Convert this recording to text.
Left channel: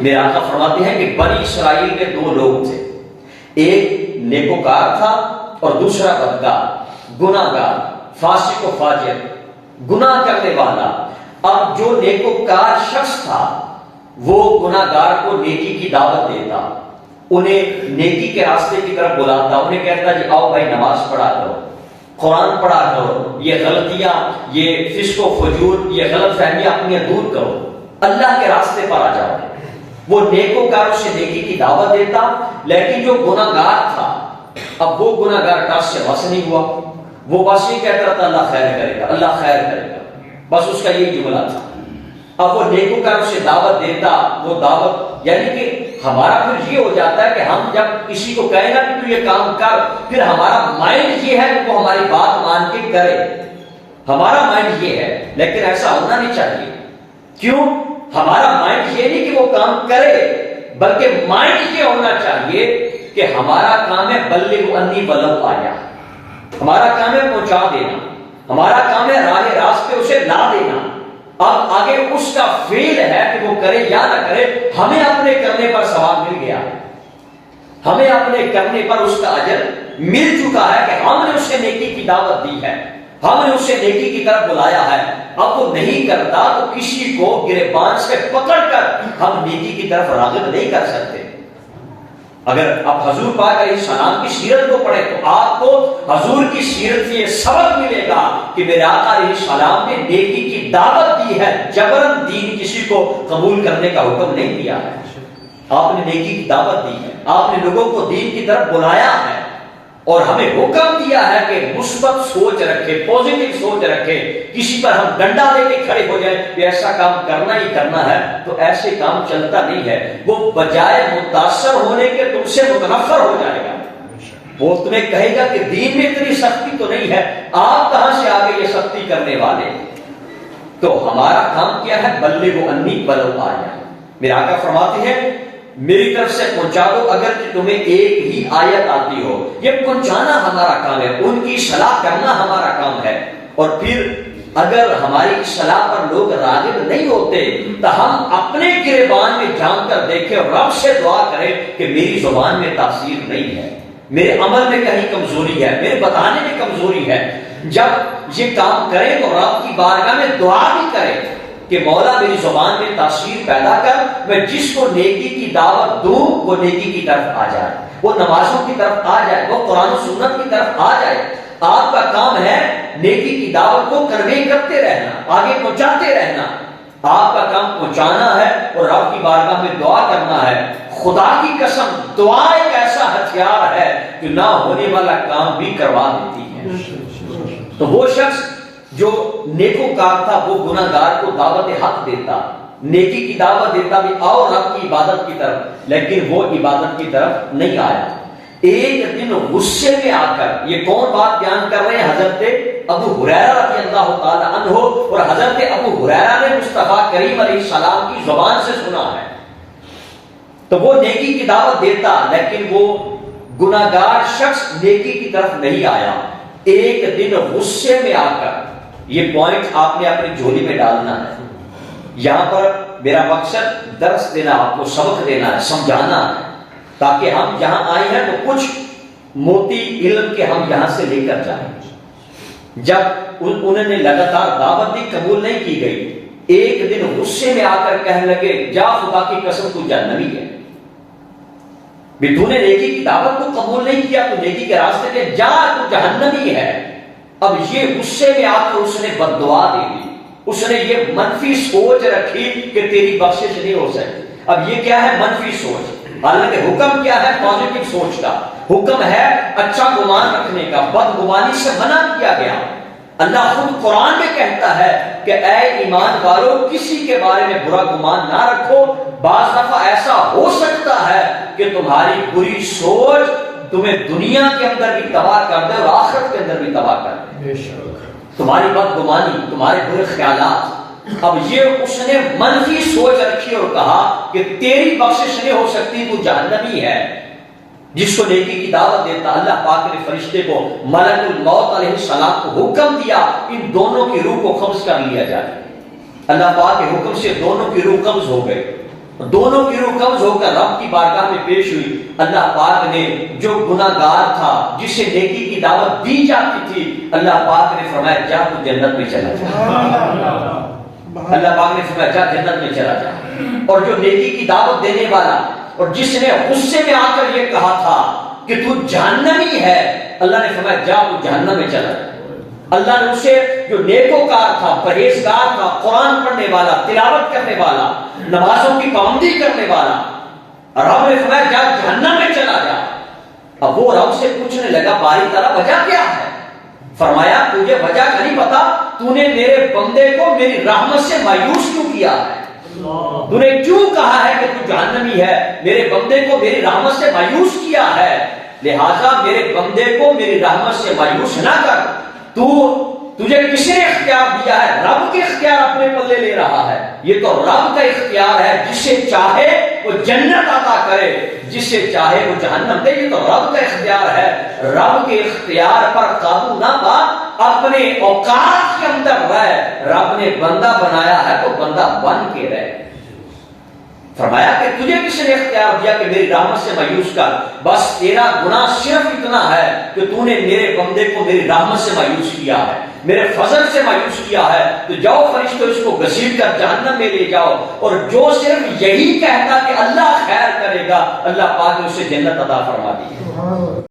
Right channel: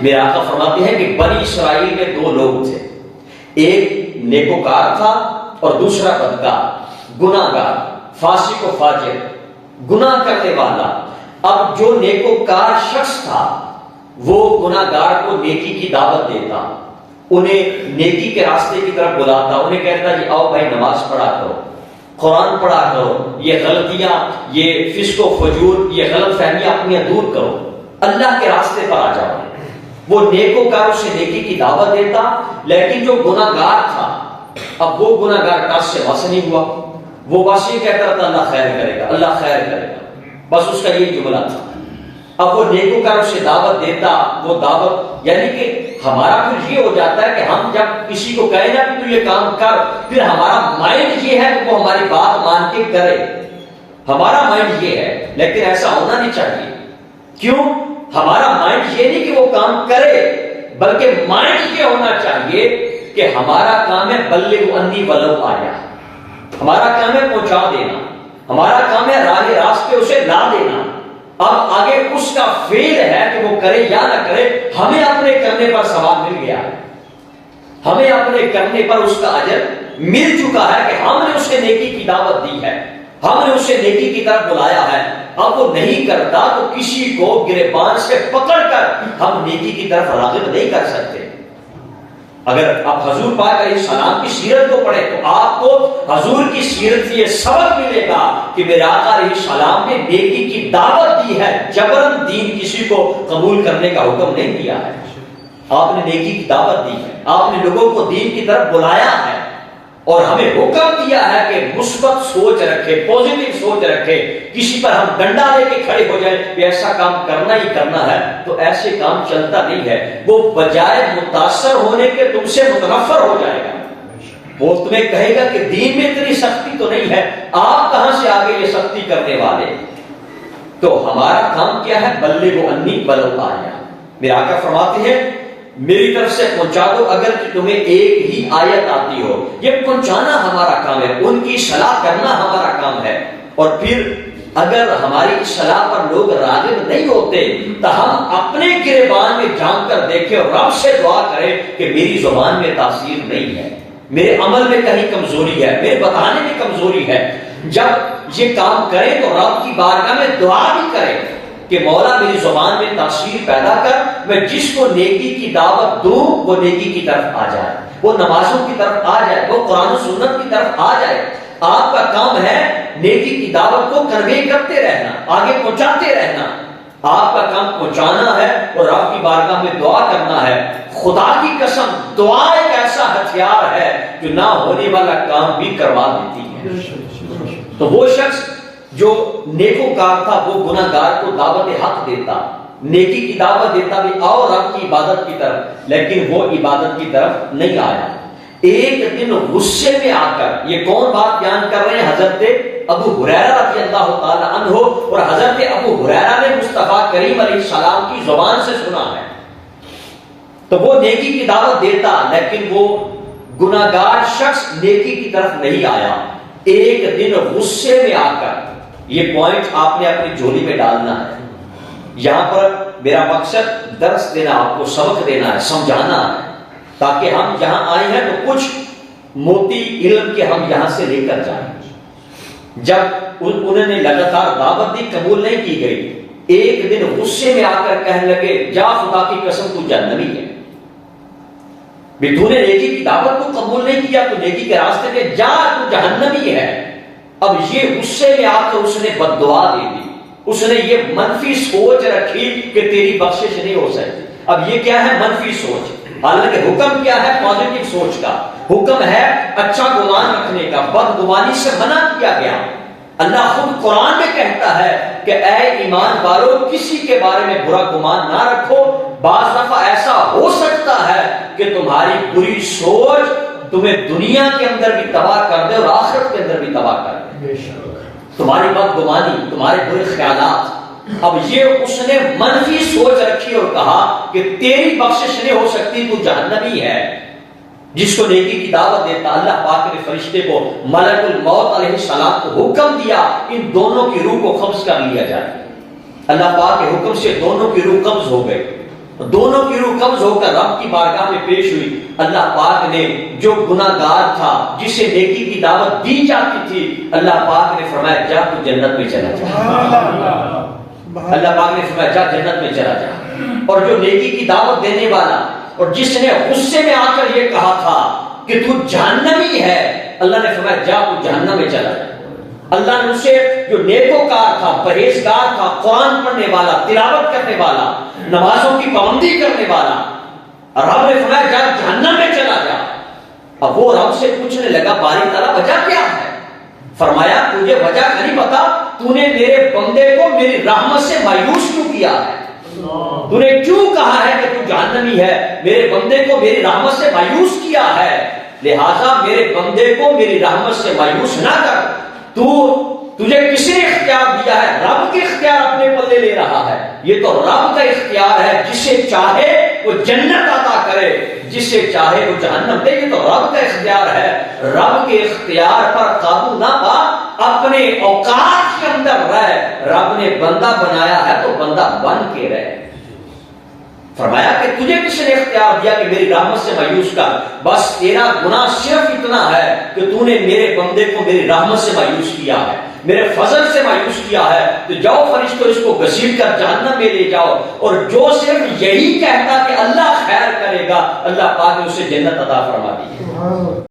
میرے آقا فرماتے ہیں کہ بنی اسرائیل میں دو لوگ تھے، ایک نیکوکار تھا اور دوسرا بدکار، گناہگار، فاسق و فاجر، گناہ کرنے والا۔ اب جو نیکوکار شخص تھا وہ گناہگار کو نیکی کی دعوت دیتا، انہیں نیکی کے راستے کی طرف بلاتا، انہیں کہتا جی آؤ بھائی نماز پڑھا کرو، قرآن پڑھا کرو، یہ غلطیاں، یہ فسق و فجور، یہ غلط فہمیاں اپنی دور کرو، اللہ کے راستے پر آ جاؤ۔ وہ نیکوکار اسے نیکی کی دعوت دیتا، لیکن جو گناہگار تھا اب وہ گناہگار کاج سے بس نہیں ہوا، وہ بس یہ کہتا تھا اللہ خیر کرے گا، اللہ خیر کرے گا، بس اس کا یہی جملہ تھا۔ اب وہ نیکوکار اسے دعوت دیتا، وہ دعوت یعنی کہ ہمارا پھر یہ ہو جاتا ہے کہ ہم جب کسی کو کہیں نا کہ تو یہ کام کر، پھر ہمارا مائنڈ یہ ہے کہ وہ ہماری بات مان کے کرے، ہمارا مائنڈ یہ ہے، لیکن ایسا ہونا نہیں چاہیے۔ کیوں؟ ہمارا مائنڈ یہ نہیں کہ وہ کام کرے، بلکہ مائنڈ یہ ہونا چاہیے کہ ہمارا کام ہے بلغ انی ولو آیا، ہمارا کام ہے پہنچا دینا، ہمارا کام ہے راہ راست پہ اسے لا دینا۔ اب آگے اس کا فیل ہے کہ وہ کرے یا نہ کرے، ہمیں اپنے کرنے پر ثواب مل گیا، ہمیں اپنے کرنے پر اس کا اجر مل چکا ہے کہ ہم نے اسے نیکی کی دعوت دی ہے، ہم نے اسے نیکی کی طرف بلایا ہے۔ اب وہ نہیں کرتا تو کسی کو گریبان سے پکڑ کر ہم نیکی کی طرف راغب نہیں کر سکتے۔ اگر آپ حضور پاک علیہ السلام کی سیرت کو پڑھیں تو آپ کو حضور کی سیرت سے یہ سبق ملے گا کہ میرے آقا علیہ السلام نے نیکی کی دعوت دی ہے، جبرن دین کسی کو قبول کرنے کا حکم نہیں دیا ہے۔ آپ نے نیکی کی دعوت دی ہے، آپ نے لوگوں کو دین کی طرف بلایا ہے، اور ہمیں حکم دیا ہے کہ مثبت سوچ رکھے، پازیٹو سوچ رکھے۔ کسی پر ہم ڈنڈا دے کے کھڑے ہو جائیں کہ ایسا کام کرنا ہی کرنا ہے، تو ایسے کام چلتا نہیں ہے۔ وہ بجائے متاثر ہونے کے تم سے متنفر ہو جائے گا، وہ تمہیں کہے گا کہ دین میں اتنی سختی تو نہیں ہے، آپ کہاں سے آگے یہ سختی کرنے والے۔ تو ہمارا کام کیا ہے؟ بلغ انی ولو آیا۔ میرا آقا فرماتے ہیں میری طرف سے پہنچا دو اگر کہ تمہیں ایک ہی آیت آتی ہو، یہ پہنچانا ہمارا کام ہے، ان کی اصلاح کرنا ہمارا کام ہے۔ اور پھر اگر ہماری اصلاح پر لوگ راغب نہیں ہوتے تو ہم اپنے گریبان میں جان کر دیکھیں اور رب سے دعا کریں کہ میری زبان میں تاثیر نہیں ہے، میرے عمل میں کہیں کمزوری ہے، میرے بتانے میں کمزوری ہے۔ جب یہ کام کریں تو رب کی بارگاہ میں دعا بھی کریں کہ مولا میری زبان میں تاثیر پیدا کر، میں جس کو نیکی کی دعوت دوں وہ نیکی کی طرف آ جائے، وہ نمازوں کی طرف آ جائے، وہ قرآن و سنت کی طرف آ جائے۔ آپ کا کام ہے نیکی کی دعوت کو کنوے کرتے رہنا، آگے پہنچاتے رہنا۔ آپ کا کام پہنچانا ہے اور آپ کی بارگاہ میں دعا کرنا ہے۔ خدا کی قسم دعا ایک ایسا ہتھیار ہے جو نہ ہونے والا کام بھی کروا دیتی ہے۔ تو وہ شخص جو نیکوکار تھا وہ گناہگار کو دعوت حق دیتا، نیکی کی دعوت دیتا بھی آؤ رب کی عبادت کی طرف، لیکن وہ عبادت کی طرف نہیں آیا۔ ایک دن غصے میں آ کر، یہ کون بات بیان کر رہے ہیں؟ حضرت ابو ہریرہ رضی اللہ تعالی عنہ، اور حضرت ابو ہریرہ نے مصطفیٰ کریم علیہ السلام کی زبان سے سنا ہے۔ تو وہ نیکی کی دعوت دیتا لیکن وہ گناہگار شخص نیکی کی طرف نہیں آیا۔ ایک دن غصے میں آ کر، یہ پوائنٹ آپ نے اپنی جھولی میں ڈالنا ہے۔ یہاں پر میرا مقصد درس دینا، آپ کو سبق دینا ہے، سمجھانا ہے، تاکہ ہم جہاں آئے ہیں تو کچھ موتی علم کے ہم یہاں سے لے کر جائیں۔ جب انہوں نے لگاتار دعوت دی، قبول نہیں کی گئی، ایک دن غصے میں آ کر کہنے لگے جا خدا کی قسم تو جہنمی ہے، بھی تو نے نیکی کی دعوت کو قبول نہیں کیا تو نیکی کے راستے پہ جا، تو جہنمی ہے۔ اب یہ غصے میں آ کر اس نے بد دعا دے دی، اس نے یہ منفی سوچ رکھی کہ تیری بخشش نہیں ہو سکتی۔ اب یہ کیا ہے؟ منفی سوچ۔ حالانکہ حکم کیا ہے؟ پازیٹو سوچ کا حکم ہے، اچھا گمان رکھنے کا، بد گمانی سے منع کیا گیا۔ اللہ خود قرآن میں کہتا ہے کہ اے ایمان والو کسی کے بارے میں برا گمان نہ رکھو، بعض دفعہ ایسا ہو سکتا ہے کہ تمہاری بری سوچ تمہیں دنیا کے اندر بھی تباہ کر دے اور آخرت کے اندر بھی تباہ کر دے، تمہاری بدگمانی، تمہارے برے خیالات۔ اب یہ اس نے منفی سوچ رکھی اور کہا کہ تیری بخشش نہیں ہو سکتی، تو جہنمی ہے۔ جس کو نیکی کی دعوت دیتا، اللہ پاک نے فرشتے کو، ملک الموت علیہ السلام کو حکم دیا ان دونوں کی روح کو قبض کر لیا جائے۔ اللہ پاک کے حکم سے دونوں کی روح قبض ہو گئے۔ دونوں کی روح قبض ہو کر رب کی بارگاہ میں پیش ہوئی. اللہ پاک نے جو گناہگار تھا جسے نیکی کی دعوت دی جاتی تھی, اللہ پاک نے فرمایا جا تو جنت میں چلا جا. اللہ پاک نے فرمایا جا جنت میں چلا جا. اور جو نیکی کی دعوت دینے والا اور جس نے غصے میں آ کر یہ کہا تھا کہ تو جہنمی ہے, اللہ نے فرمایا جا تو جہنم میں چلا جا. اللہ نے اسے جو نیکوکار تھا, پرہیزگار تھا, قرآن پڑھنے والا, تلاوت کرنے والا, نمازوں کی پابندی کرنے والا, رب نے فرمایا جا جہنم میں چلا جا. اب وہ رب سے پوچھنے لگا باری تعالیٰ وجہ کیا ہے؟ فرمایا تجھے وجہ نہیں پتا, تو نے میرے بندے کو میری رحمت سے مایوس کیوں کیا ہے؟ تو نے کیوں کہا ہے کہ تو جہنمی ہے؟ میرے بندے کو میری رحمت سے مایوس کیا ہے, لہذا میرے بندے کو میری رحمت سے مایوس نہ کر. تجھے کس نے اختیار دیا ہے؟ رب کے اختیار اپنے پلے لے رہا ہے. یہ تو رب کا اختیار ہے, جسے چاہے وہ جنت عطا کرے, جسے چاہے وہ جہنم دے. یہ تو رب کا اختیار ہے. رب کے اختیار پر قابو نہ پا, اپنے اوقات کے اندر رہ. رب نے بندہ بنایا ہے تو بندہ بن کے رہ. فرمایا کہ تجھے کس نے اختیار دیا کہ میری رحمت سے مایوس کر؟ بس تیرا گناہ صرف اتنا ہے کہ تو نے میرے بندے کو میری رحمت سے مایوس کیا ہے, میرے فضل سے مایوس کیا ہے. تو جاؤ فرشتوں اس کو گھسیٹ کر جہنم میں لے جاؤ. اور جو صرف یہی کہتا کہ اللہ خیر کرے گا, اللہ پاک نے اسے جنت عطا فرما دی ہے.